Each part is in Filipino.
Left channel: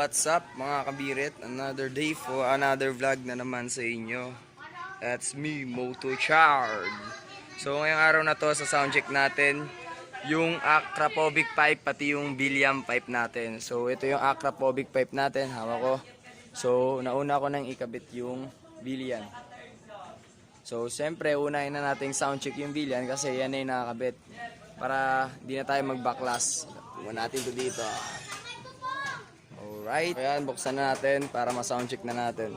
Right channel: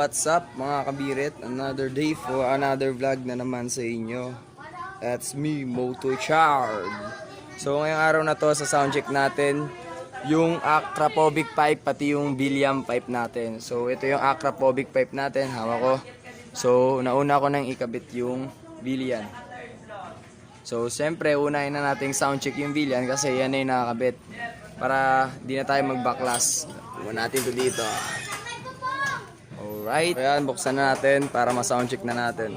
what's up mga kabirit? Another day for another vlog na naman sa inyo. That's me, Moto Chard. So ngayong araw na to sa soundcheck natin yung Akrapovic pipe pati yung Villan pipe natin. So ito yung Akrapovic pipe natin, hawak ko. So nauna ko nang ikabit yung Villan. So siyempre unahin na nating soundcheck yung Villan kasi yan na yung nakakabit. Para di na tayo mag-backlash. Muna natin ito dito. Alright, ayan, buksan na natin para ma-soundcheck na natin.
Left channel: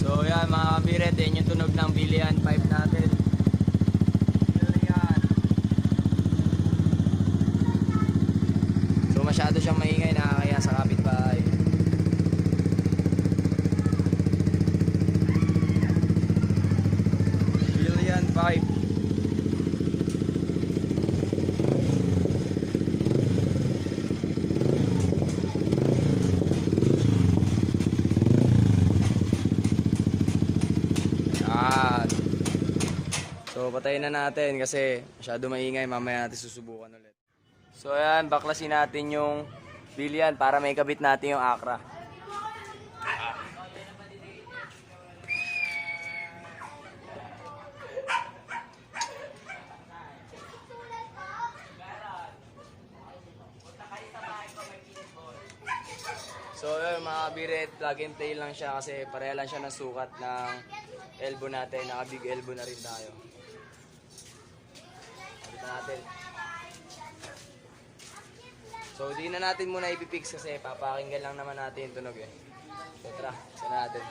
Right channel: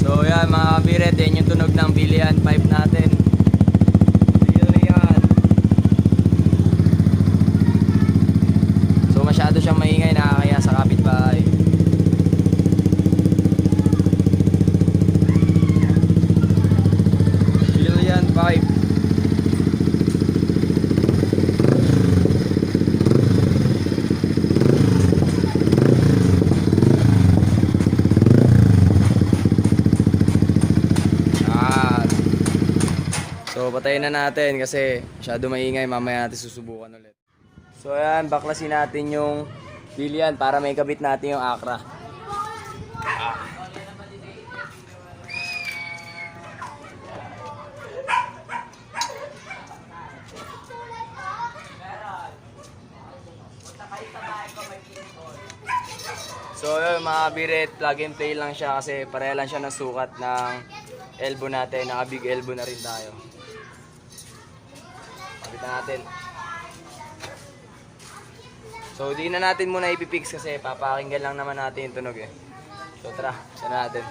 So ayan mga kabiret, yan yung tunog ng Villan pipe natin. Ayan. So masyado siyang maingay, nakakaya sa kapitbahay. Pipe. So patayin na natin kasi masyado maingay, mamaya natin susubukan ulit. So ayan, baklasin natin yung Villan para may kabit natin yung Akra. So yun mga kabiret, plug and play lang siya kasi pareha lang siya ng sukat ng elbow natin. Naka big elbow na rin tayo. Kapitan natin. So di na natin muna ipipix kasi papakinggan lang naman natin yung tunog eh. So tara, isa na natin.